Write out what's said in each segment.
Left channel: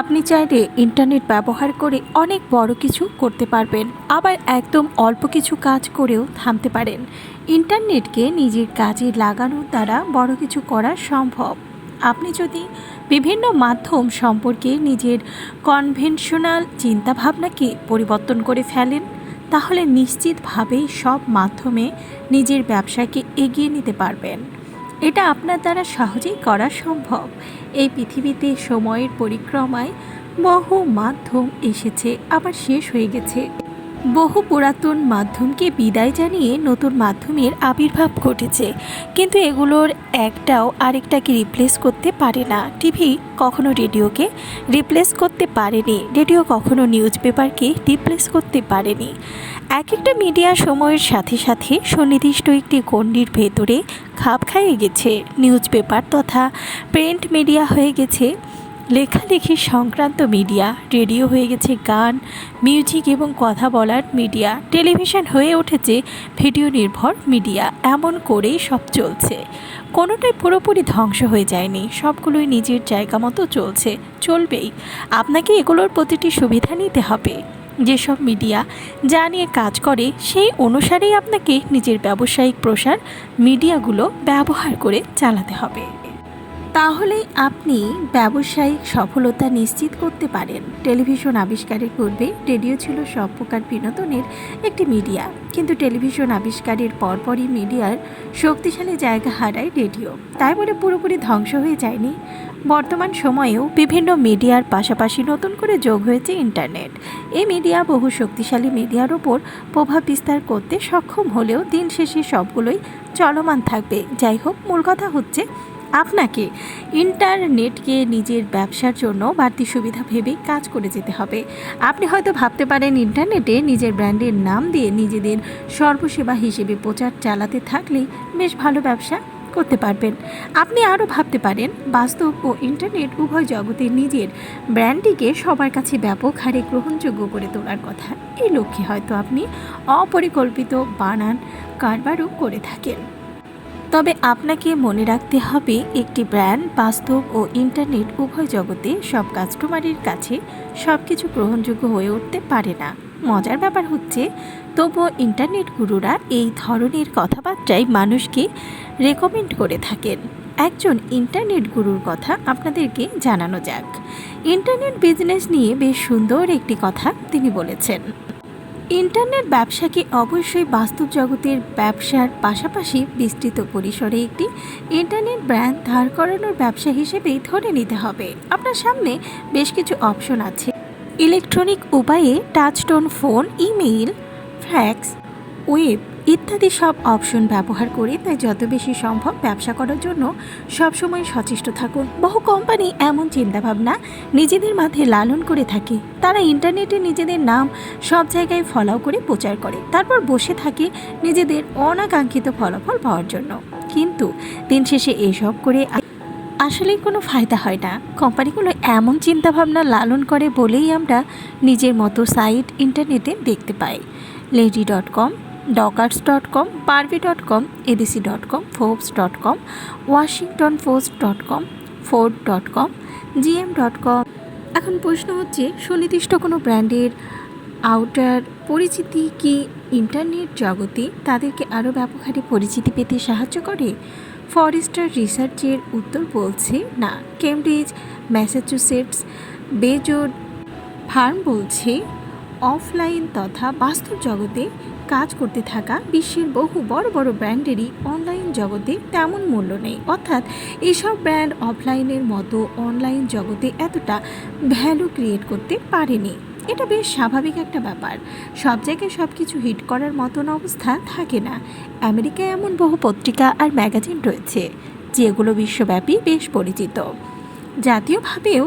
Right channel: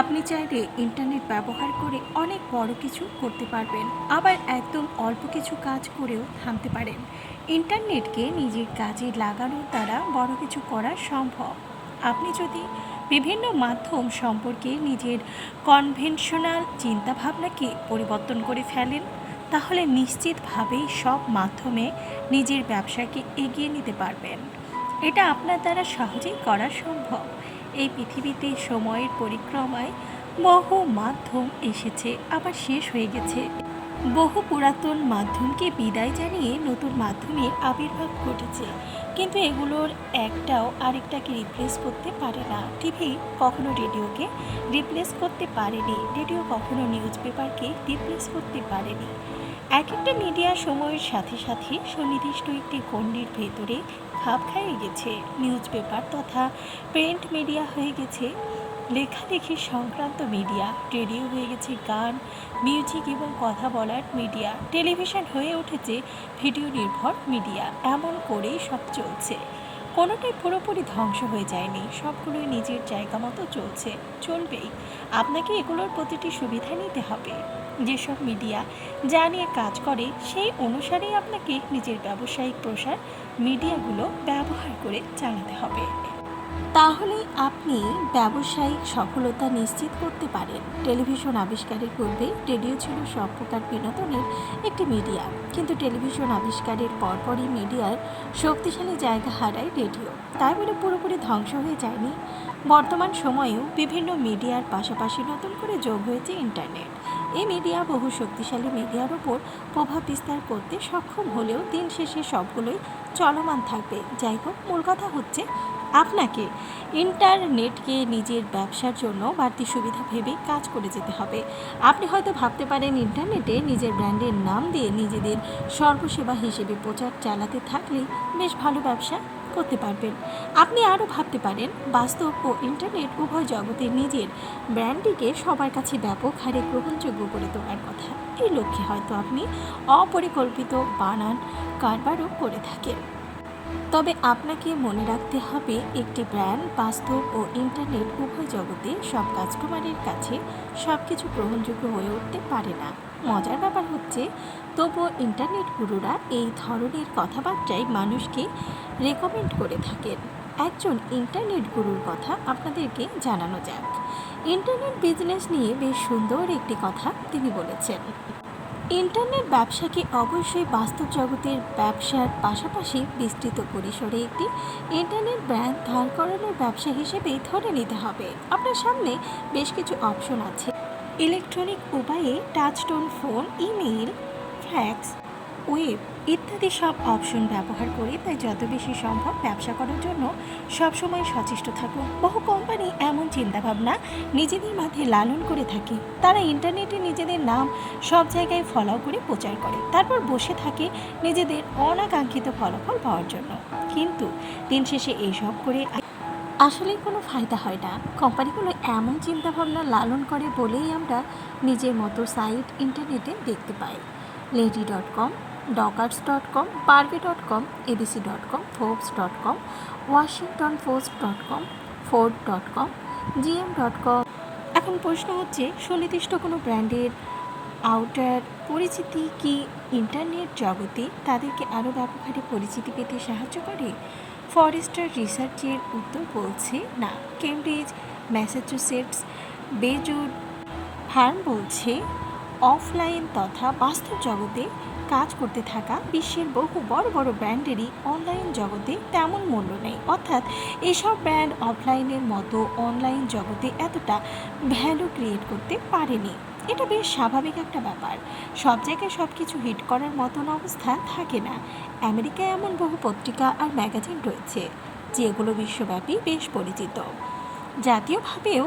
আপনি চাইলে ইন্টারনেট ব্যবহার করে অনেক বড় কিছু করতে পারবেন, আবার একদম অল্প কিছু কাজ করেও থামতে পারেন। ইন্টারনেটকে নিজের কাজে লাগানোর দ্বারা বড় কিছু করা সম্ভব। আপনি যদি বিভিন্ন মাধ্যম সম্পর্কে নিজের কনভেনশনাল চিন্তাভাবনাকে পরিবর্তন করে ফেলেন, তাহলে নিশ্চিতভাবেই সব মাধ্যমে নিজের ব্যবসাকে এগিয়ে নিতে পারবেন। এটা আপনার দ্বারা সহজেই করা সম্ভব। এই পৃথিবীতে সময়ের পরিক্রমায় বহু মাধ্যম এসেছে, আবার শেষ হয়ে গেছে। বহু পুরাতন মাধ্যমকে বিদায় জানিয়ে নতুন মাধ্যমের আবির্ভাব ঘটেছে। কিন্তু এগুলোর একটাও আরেকটাকে রিপ্লেস করতে পারে না। টিভি কখনো রেডিওকে রিপ্লেস করতে পারেনি। রেডিও কখনো নিউজ পেপারকে রিপ্লেস করতে পারেনি। এক একটা মিডিয়া সময়ের সাথে সাথে সুনির্দিষ্ট একটি গণ্ডির ভেতরে খাপ খাইয়ে গেছে। নিউজ পেপার তথা প্রিন্ট মিডিয়া হয়ে গেছে। লেখালেখি সংক্রান্ত মিডিয়া, রেডিও হয়ে গেছে গান, মিউজিক এবং কথা বলার মিডিয়া, টেলিভিশন হয়ে উঠেছে ভিডিও নির্ভর মিডিয়া, এমন করেই সব চলছে। কোনোটাই পুরোপুরি ধ্বংস হয়ে যায়নি, সবগুলোই নিজের জায়গা মতো চলছে, চলবেই। আপনাকে এগুলোর প্রতিটি সুবিধা নিতে হবে। যেসব মিডিয়া যা নিয়ে কাজ করে, সেই অনুসারেই আপনাকে নিজের ব্যবসায়িক প্রসার মিডিয়াগুলো ব্যবহার করে চালাতে হবে। তাহলেই আপনি ব্যবসায়িক সফলতা নিশ্চিত করতে পারেন। টেলিভিশন আবিষ্কারের পূর্বে রেডিও ছিল সব প্রকার বিনোদনের একটি মিডিয়া। কিন্তু টেলিভিশন আবিষ্কারের পরপরই মিডিয়ার শক্তিশালী জায়গা হারায় রেডিও। তাই বলে পুরোপুরি ধ্বংস হয়ে যায়নি। বর্তমান সময়েও বিভিন্ন মিডিয়ার পাশাপাশি নতুন করে যোগ হয়েছে ইন্টারনেট। এই মিডিয়া বহু শক্তিশালী মিডিয়ার ওপর প্রভাব বিস্তার করতে সক্ষম হলেও দিন শেষে সবগুলোই চলমান থাকবে। যাই হোক, মূল কথা হচ্ছে আপনাকে ইন্টারনেটকে নিজের ব্যবসার জন্য বাড়তি সুবিধা ভেবে কাজ করে যেতে হবে। আপনি হয়তো ভাবতে পারেন, ইন্টারনেটে নিজের ব্র্যান্ডের নাম দিয়ে নিজেদের সর্বসেবা হিসেবে প্রচার চালাতে থাকলে বেশ ভালো ব্যবসা করতে পারবেন। আপনি আরও ভাবতে পারেন, বাস্তব ও ইন্টারনেট উভয় জগতে নিজের ব্র্যান্ডটিকে সবার কাছে ব্যাপক হারে গ্রহণযোগ্য করে তোলার কথা। এই লক্ষ্যে হয়তো আপনি অপরিকল্পিত বানান কারবারও করে থাকেন। তবে আপনাকে মনে রাখতে হবে, একটি ব্র্যান্ড, বাস্তব ও ইন্টারনেট উভয় জগতে সব কাস্টমারের কাছে সব কিছু গ্রহণযোগ্য হয়ে উঠতে পারে না। মজার ব্যাপার হচ্ছে, তবুও ইন্টারনেট গুরুরা এই ধরনের কথাবার্তায় মানুষকে রেকমেন্ড করে থাকেন। একজন ইন্টারনেট গুরুর কথা আপনাদেরকে জানানো যাক। ইন্টারনেট বিজনেস নিয়ে বেশ সুন্দর একটি কথা তিনি বলেছেন। ইন্টারনেট ব্যবসাকে অবশ্যই বাস্তব জগতের ব্যবসার পাশাপাশি বিস্তৃত পরিসরে একটি ইন্টারনেট ব্র্যান্ড ধার করানোর ব্যবসা হিসেবেই ধরে নিতে হবে। আপনার সামনে বেশ কিছু অপশন আছে। ইলেকট্রনিক উপায়ে touchtone phone, email, fax web ইত্যাদি সব অপশন ব্যবহার করে, তাই যত বেশি সম্ভব ব্যবসা করার জন্য সবসময় সচেষ্ট থাকুন। বহু কোম্পানি এমন চিন্তাভাবনা নিজেদের মাথায় লালন করে থাকে। তারা ইন্টারনেটে নিজেদের নাম সব জায়গায় ফলাও করে প্রচার করে। তারপর বসে থাকে নিজেদের অনাকাঙ্ক্ষিত ফলাফল পাওয়ার জন্য। কিন্তু দিন শেষে এসব করে আসলেই কোনো ফায়দা হয় না। কোম্পানিগুলো এমন চিন্তাভাবনা লালন করে বলেই আমরা নিজের মতো সাইট ইন্টারনেটে দেখতে পাই। Lady dot com Dockers dot com Barbie dot com ADC dot com Forbes dot com Washington Post dot com Ford dot com GM dot com এখন প্রশ্ন হচ্ছে, সুনির্দিষ্ট কোনো ব্র্যান্ডের আউটার পরিচিতি কি ইন্টারনেট জগতে তাদেরকে আরও ব্যবহারে পরিচিতি পেতে সাহায্য করে? ফরেস্টার রিসার্চের উত্তর বলছে, না। কেমব্রিজ, ম্যাসাচুসেটস বেজোড ফার্ম বলছে, অফলাইন তথা বাস্তব জগতে কাজ করতে থাকা বিশ্বের বহু বড় বড় ব্র্যান্ডেরই অনলাইন জগতে তেমন মূল্য নেই। অর্থাৎ এসব ব্র্যান্ড অফলাইনের মতো অনলাইন জগতে এতটা ভ্যালু ক্রিয়েট করতে পারেনি। এটা বেশ স্বাভাবিক একটা ব্যাপার। সব জায়গায় সব কিছু হিট করার মতন অবস্থা থাকে না। আমেরিকায় এমন বহু পত্রিকা আর ম্যাগাজিন রয়েছে, যেগুলো বিশ্বব্যাপী বেশ পরিচিত। জাতীয়ভাবেও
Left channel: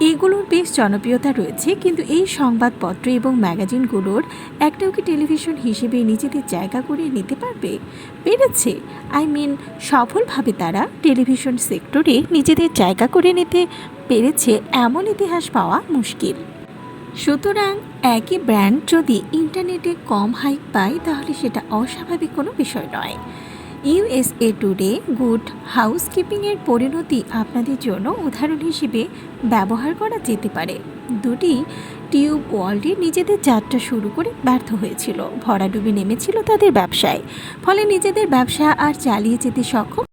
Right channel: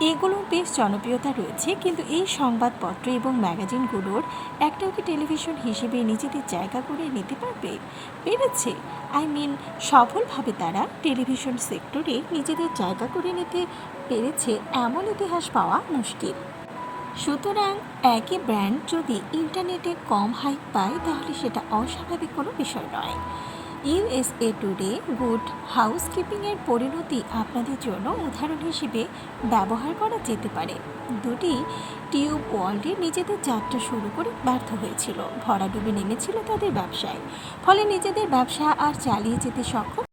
এগুলোর বেশ জনপ্রিয়তা রয়েছে, কিন্তু এই সংবাদপত্র এবং ম্যাগাজিনগুলোর একটাও কি টেলিভিশন হিসেবে নিজেদের জায়গা করে নিতে পারবে? পেরেছে আই মিন, সফলভাবে তারা টেলিভিশন সেক্টরে নিজেদের জায়গা করে নিতে পেরেছে এমন ইতিহাস পাওয়া মুশকিল। সুতরাং একই ব্র্যান্ড যদি ইন্টারনেটে কম হাইপ পায়, তাহলে সেটা অস্বাভাবিক কোনো বিষয় নয়। ইউএসএ টুডে গুড হাউসকিপিংয়ের পরিণতি আপনাদের জন্য উদাহরণ হিসেবে ব্যবহার করা যেতে পারে। দুটি টিউব ওয়ার্ল্ডে নিজেদের যাত্রা শুরু করে ব্যর্থ হয়েছিল। ভরাডুবি নেমেছিল তাদের ব্যবসায়। ফলে নিজেদের ব্যবসা আর চালিয়ে যেতে সক্ষম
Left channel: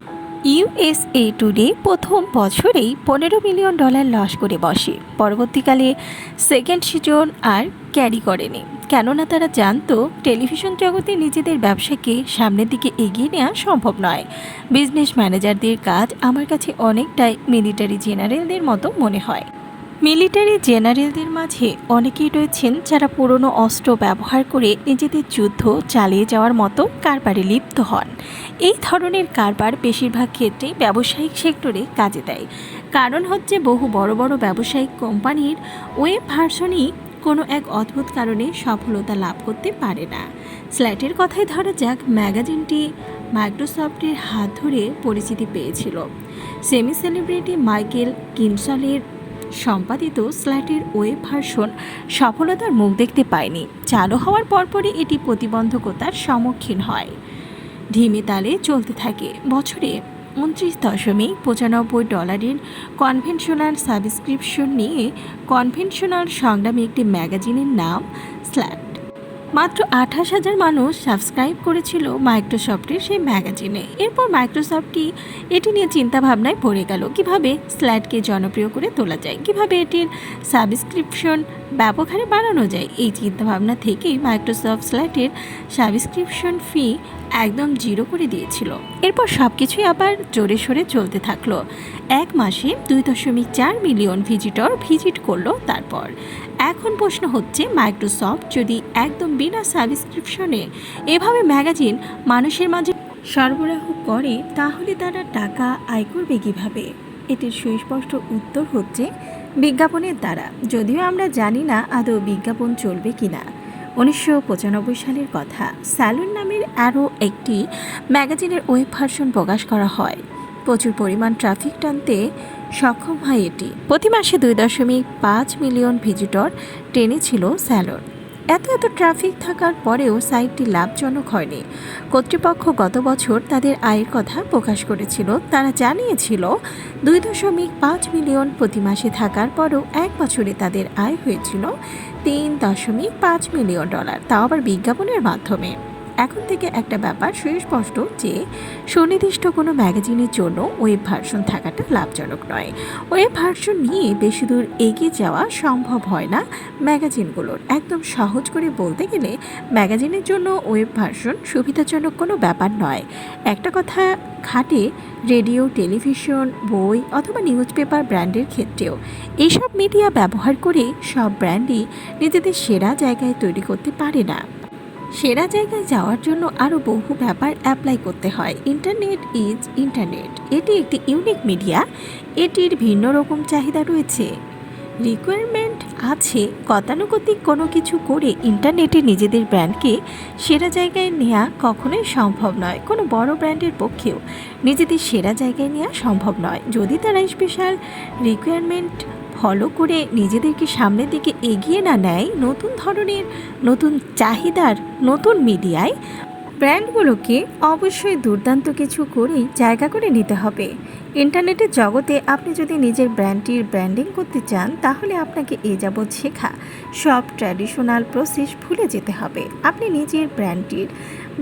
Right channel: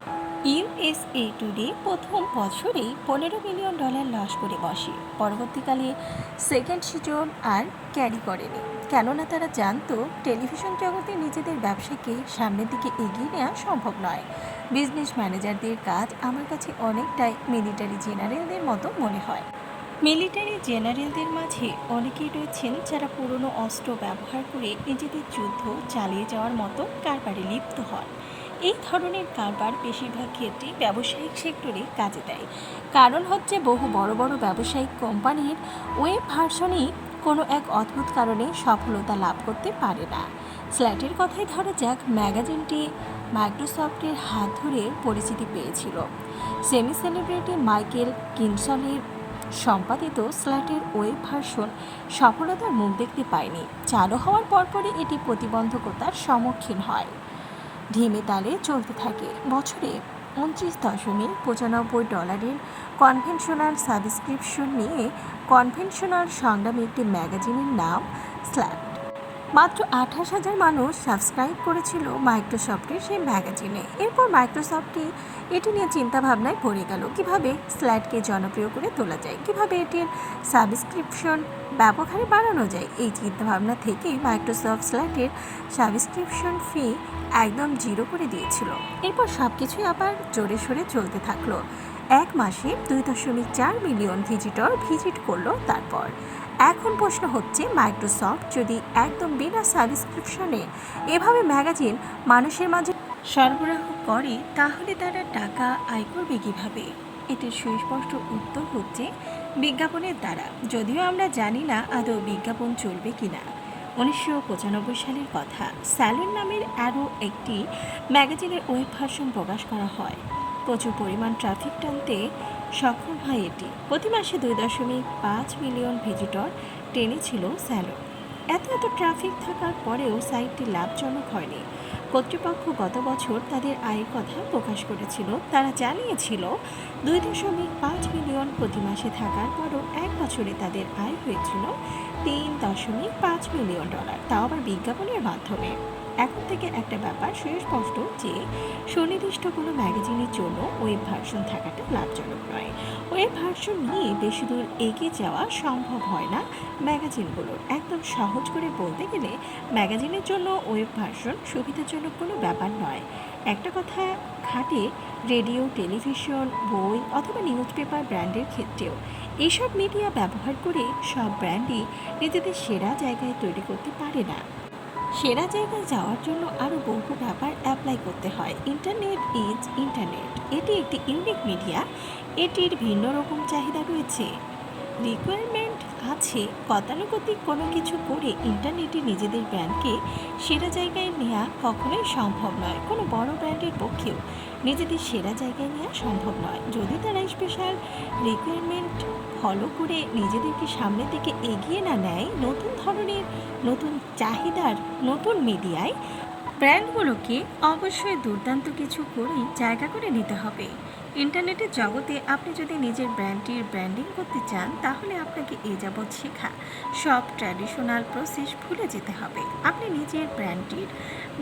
ইউএসএ টুডে প্রথম বছরেই পনেরো মিলিয়ন ডলার লস করে বসে। পরবর্তীকালে সেকেন্ড সিজন আর ক্যারি করেনি। কেননা তারা জানতো টেলিভিশন জগতে নিজেদের ব্যবসাকে সামনের দিকে এগিয়ে নেওয়া সম্ভব নয়। বিজনেস ম্যানেজারদের কাজ আমার কাছে অনেকটাই মিলিটারি জেনারেলদের মতো মনে হয়। মিলিটারি জেনারেলদের মাঝে অনেকেই রয়েছেন যারা পুরনো অস্ত্র ব্যবহার করে নিজেদের যুদ্ধ চালিয়ে যাওয়ার মতো কারবারে লিপ্ত হন। এই ধরনের কারবার বেশিরভাগ ক্ষেত্রে ব্যবসায়িক সেক্টরে কাজে দেয়। কারণ হচ্ছে বহু বড় বড় ব্যবসায়িক কোম্পানির ওয়েব ভার্সনই কোনো এক অদ্ভুত কারণে সফলতা লাভ করতে পারে না। স্ল্যাটের কথাই ধরা যাক, ম্যাগাজিনটি মাইক্রোসফটের হাত ধরে পরিচিতি পেয়েছিল। সেমি সেলিব্রিটি মাইকেল কিনসলের সম্পাদিত স্ল্যাটের ওয়েব ভার্সন সফলতার মুখ দেখতে পায়নি। চালু হওয়ার পরপরই এটি প্রতিবন্ধকতার সম্মুখীন হয়। ধিমে তালে চলতে থাকে। বছরে উনত্রিশ দশমিক পঁচানব্বই ডলারের কনভেনশনাল সাবস্ক্রিপশন নিয়ে কনভেনশনাল সংগ্রামী একটি ম্যাগাজিনের নাম স্ল্যাট। মাত্র আঠাশ হাজার মানুষ সাবস্ক্রাইব করেছিল মাইক্রোসফটের সেই ম্যাগাজিনে। এরপর মাইক্রোসফটটি এটি নিয়ে চিন্তাভাবনায় পড়ে গেল, কীভাবে স্ল্যাটকে জনপ্রিয় করে তোলা যায়, কীভাবে এটির সাবস্ক্রিপশন ব্যাপক হারে বাড়ানো যায়। এই চিন্তাভাবনা থেকেই মাইক্রোসফট স্ল্যাটের সাবস্ক্রিপশন ফি একদম জিরো করে দিয়েছিল। এরপর সব কিছুই আবার জোরে সোরে চলতে থাকল। এক মাসে দুই দশমিক চার মিলিয়ন ভিজিটর ভিজিট করল তারপর। এখন প্রশ্ন হচ্ছে, মাইক্রোসফট যদি একদম বিনা সাবস্ক্রিপশনে এভাবে ম্যাগাজিন মানুষের মাঝে সরবরাহ করে, তাহলে তারা টাকা আয় করবে কীভাবে? এটির সুস্পষ্ট উত্তর হচ্ছে, বিজ্ঞাপনের দ্বারা। যদিও আমরা জানি না আদৌ বিজ্ঞাপন চলবে কিনা। উনিশশো পঁচানব্বই সালের কথা। স্যালুন নামের আরও একটি ম্যাগাজিনের ওয়েব ভার্সন প্রকাশ করা হয়। প্রচুর পরিমাণ ট্রাফিক টানতে সক্ষম হয় এটি। প্রতি মাসে দুই দশমিক পাঁচ মিলিয়ন ভিজিটর টেনেছিল স্যালন। এত এত ট্রাফিক থাকার পরেও সাইটটি লাভজনক হয়নি। কর্তৃপক্ষ গত বছর তাদের আয়ের কথা প্রকাশ করেছিল। তারা জানিয়েছিল, দুই দশমিক পাঁচ মিলিয়ন প্রতি মাসে থাকার পরও এক বছরে তাদের আয় হয়েছিল তিন দশমিক পাঁচ মিলিয়ন ডলার। তাও আবার বিজ্ঞাপনের মাধ্যমে। এখন থেকে একটা ব্যাপার সুস্পষ্ট যে সুনির্দিষ্ট কোনো ম্যাগাজিনের জন্য ওয়েব ভার্সন থাকাটা লাভজনক নয়। ওয়েব ভার্সন নিয়ে বেশি দূর এগিয়ে যাওয়া সম্ভব হয় না ম্যাগাজিনগুলোর। একদম সহজ করে বলতে গেলে ম্যাগাজিনের জন্য ওয়েব ভার্সন সুবিধাজনক কোনো ব্যাপার নয়। একটা কথা খাটে, রেডিও, টেলিভিশন, বই অথবা নিউজ পেপার ব্র্যান্ডের ক্ষেত্রেও এইসব মিডিয়া ব্যবহার করে সব ব্র্যান্ডই নিজেদের সেরা জায়গায় তৈরি করতে পারে না। সেরা জায়গায় যাওয়ার জন্য আরও বহু ব্যাপার অ্যাপ্লাই করতে হয়। ইন্টারনেট ইজ ইন্টারনেট এটি একটি ইউনিক মিডিয়া এটির ভিন্ন রকম চাহিদা রয়েছে। রিকোয়ারমেন্ট আছে, গতানুগতিক কোনো কিছু করে ইন্টারনেটে নিজেদের ব্র্যান্ডকে সেরা জায়গায় নেওয়া কখনোই সম্ভব নয়। কোনো বড় ব্র্যান্ডের পক্ষেও নিজেদের সেরা জায়গায় নেওয়া সম্ভব নয়। যদি তারা স্পেশাল রিকোয়ারমেন্ট ফলো করে নিজেদেরকে সামনের দিকে এগিয়ে না নেয় নতুন ধরনের, নতুন চাহিদার, নতুন মিডিয়ায়, ব্র্যান্ডগুলোকে অবশ্যই দুর্দান্ত কিছু করেই জায়গা করে নিতে হবে। ইন্টারনেটের জগতে আপনি যদি নিজের ব্র্যান্ডটির ব্র্যান্ডিং করতে চান, তাহলে আপনাকে এ যাবৎ শেখা, সব ট্র্যাডিশনাল প্রসেস ভুলে যেতে হবে। আপনি নিজের ব্র্যান্ডটির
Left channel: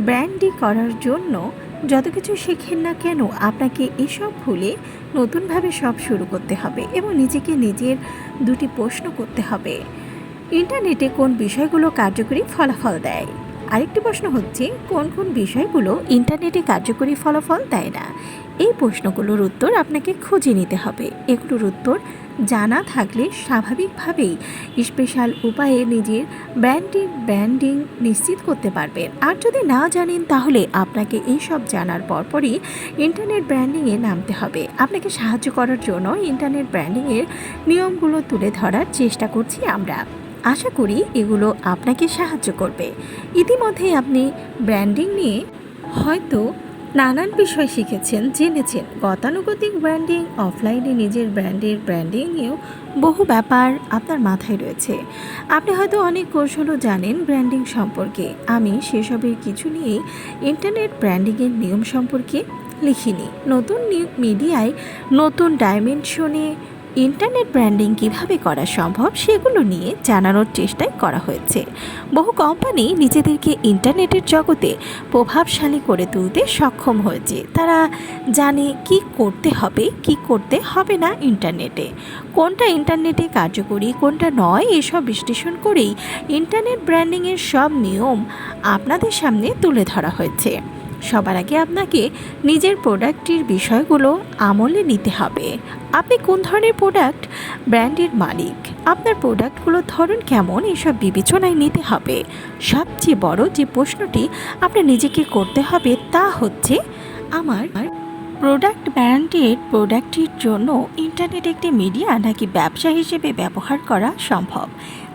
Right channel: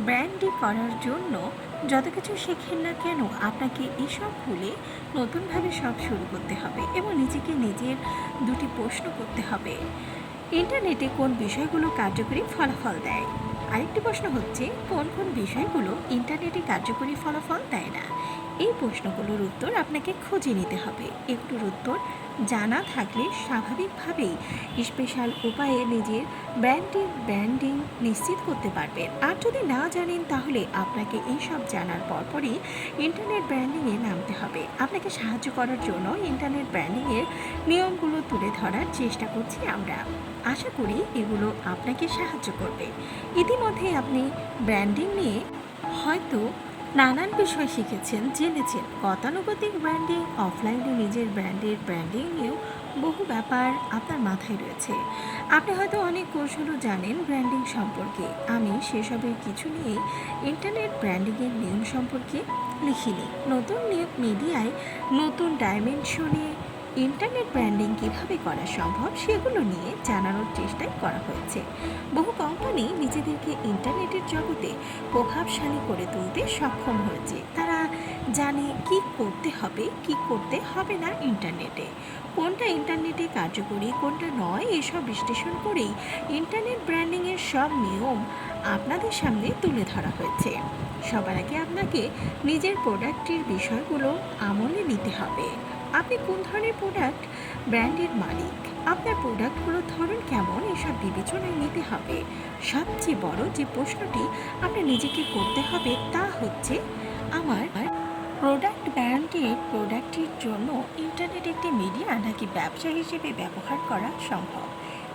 ব্র্যান্ডি করার জন্য যত কিছু শেখেন না কেন, আপনাকে এসব ভুলে নতুনভাবে সব শুরু করতে হবে এবং নিজেকে নিজের দুটি প্রশ্ন করতে হবে। ইন্টারনেটে কোন বিষয়গুলো কার্যকরী ফলাফল দেয়? আরেকটি প্রশ্ন হচ্ছে, কোন কোন বিষয়গুলো ইন্টারনেটে কার্যকরী ফলাফল দেয় না? এই প্রশ্নগুলোর উত্তর আপনাকে খুঁজে নিতে হবে। এগুলোর উত্তর জানা থাকলে স্বাভাবিকভাবেই স্পেশাল উপায়ে নিজের ব্র্যান্ডিং ব্র্যান্ডিং নিশ্চিত করতে পারবেন আর যদি না জানেন তাহলে আপনাকে এইসব জানার পরপরই ইন্টারনেট ব্র্যান্ডিংয়ে নামতে হবে। আপনাকে সাহায্য করার জন্য ইন্টারনেট ব্র্যান্ডিংয়ের নিয়মগুলো তুলে ধরার চেষ্টা করছি আমরা। আশা করি এগুলো আপনাকে সাহায্য করবে। ইতিমধ্যে আপনি ব্র্যান্ডিং নিয়ে হয়তো নানান বিষয় শিখেছেন, জেনেছেন। গতানুগতিক ব্র্যান্ডিং অফলাইনে নিজের ব্র্যান্ডের ব্র্যান্ডিং নিয়েও বহু ব্যাপার আপনার মাথায় রয়েছে। আপনি হয়তো অনেক কৌশলও জানেন ব্র্যান্ডিং সম্পর্কে। আমি সেসবের কিছু নিয়েই ইন্টারনেট ব্র্যান্ডিংয়ের নিয়ম সম্পর্কে লিখিনি। নতুন মিডিয়ায় নতুন ডাইমেনশনে ইন্টারনেট ব্র্যান্ডিং কীভাবে করা সম্ভব সেগুলো নিয়ে জানানোর চেষ্টাই করা হয়েছে। বহু কোম্পানি নিজেদেরকে ইন্টারনেটের জগতে প্রভাবশালী করে তুলতে সক্ষম হয়েছে। তারা জানে কি করতে হবে, কি করতে হবে না ইন্টারনেটে। কোনটা ইন্টারনেটে কার্যকরী, কোনটা নয় এসব বিশ্লেষণ করেই ইন্টারনেট ব্র্যান্ডিংয়ের সব নিয়ম আপনাদের সামনে তুলে ধরা হয়েছে। সবার আগে আপনাকে নিজের প্রোডাক্টটির বিষয়গুলো আমলে নিতে হবে। আপনি কোন ধরনের প্রোডাক্ট ব্র্যান্ডের মালিক? আপনার প্রোডাক্টগুলোর ধরন কেমন? এসব বিবেচনায় নিতে হবে। সবচেয়ে বড় যে প্রশ্নটি আপনার নিজেকে করতে হবে তা হচ্ছে, আমার প্রোডাক্ট ব্র্যান্ডের প্রোডাক্টটির জন্য ইন্টারনেট একটি মিডিয়া নাকি ব্যবসা হিসেবে ব্যবহার করা সম্ভব?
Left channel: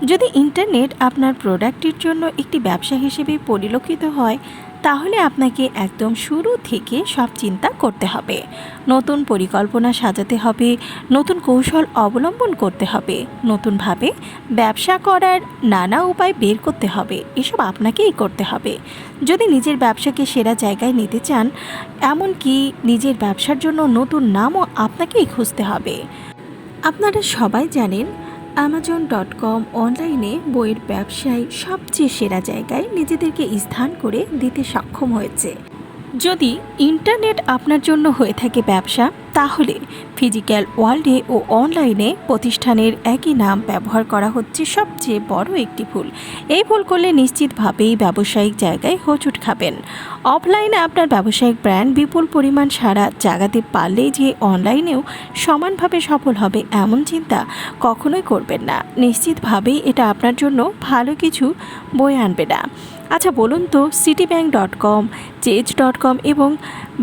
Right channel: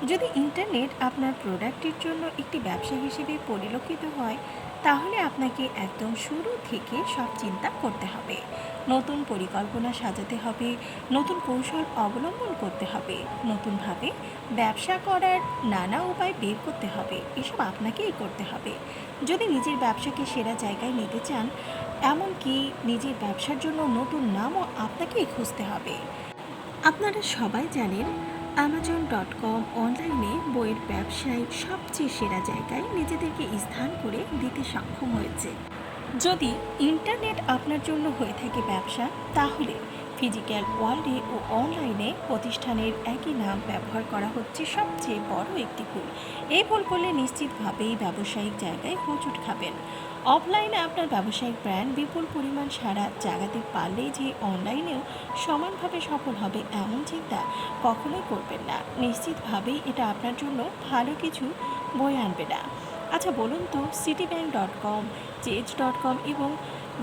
যদি ইন্টারনেট আপনার প্রোডাক্টটির জন্য একটি ব্যবসা হিসেবে পরিলক্ষিত হয় তাহলে আপনাকে একদম শুরু থেকে সব চিন্তা করতে হবে। নতুন পরিকল্পনা সাজাতে হবে, নতুন কৌশল অবলম্বন করতে হবে, নতুনভাবে ব্যবসা করার নানা উপায় বের করতে হবে, এসব আপনাকেই করতে হবে। যদি নিজের ব্যবসাকে সেরা জায়গায় নিতে চান, এমনকি নিজের ব্যবসার জন্য নতুন নামও আপনাকেই খুঁজতে হবে। আপনারা সবাই জানেন অ্যামাজন ডট কম অনলাইনে বইয়ের ব্যবসায় সবচেয়ে সেরা জায়গায় নিজেদেরকে স্থান করে দিতে সক্ষম হয়েছে। যদি ইন্টারনেট আপনার জন্য হয়ে থাকে ব্যবসা, তাহলে ফিজিক্যাল ওয়ার্ল্ডে ও অনলাইনে প্রতিষ্ঠানের একই নাম ব্যবহার করা হচ্ছে সবচেয়ে বড় একটি ভুল। এই ভুল করলে নিশ্চিতভাবেই ব্যবসায়িক জায়গায় হোঁচট খাবেন। অফলাইনে আপনার ব্যবসায়িক ব্র্যান্ড বিপুল পরিমাণ সারা জাগাতে পারলেই যে অনলাইনেও সমানভাবে সফল হবে এমন চিন্তা কখনোই করবেন না। নিশ্চিতভাবেই এটা আপনার জন্য ভালো কিছু বই আনবে না। আচ্ছা বলুন তো Citibank dot com Chase dot com এবং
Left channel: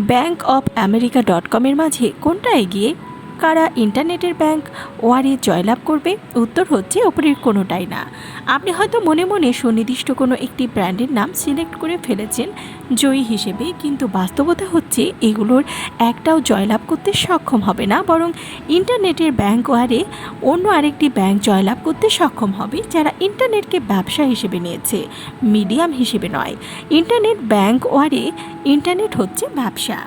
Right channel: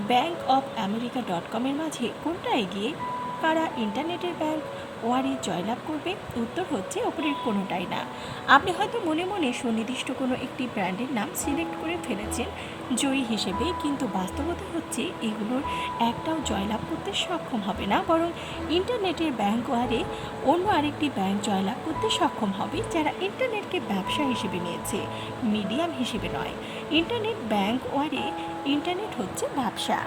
ব্যাঙ্ক অফ আমেরিকা ডট কমের মাঝে কোনটা এগিয়ে? কারা ইন্টারনেটের ব্যাংক ওয়ারে জয়লাভ করবে? উত্তর হচ্ছে ওপরের কোনোটাই না। আপনি হয়তো মনে মনে সুনির্দিষ্ট কোনো একটি ব্র্যান্ডের নাম সিলেক্ট করে ফেলেছেন, জয়ী হিসেবে, কিন্তু বাস্তবতা হচ্ছে, এগুলোর একটাও জয়লাভ করতে সক্ষম হবে না, বরং ইন্টারনেটের ব্যাংক ওয়ারে অন্য আরেকটি ব্যাংক জয়লাভ করতে সক্ষম হবে, যারা ইন্টারনেটকে ব্যবসা হিসেবে নিয়েছে, মিডিয়াম হিসেবে নয়। ইন্টারনেট ব্যাংক ওয়ারে ইন্টারনেট হচ্ছে ব্যবসা।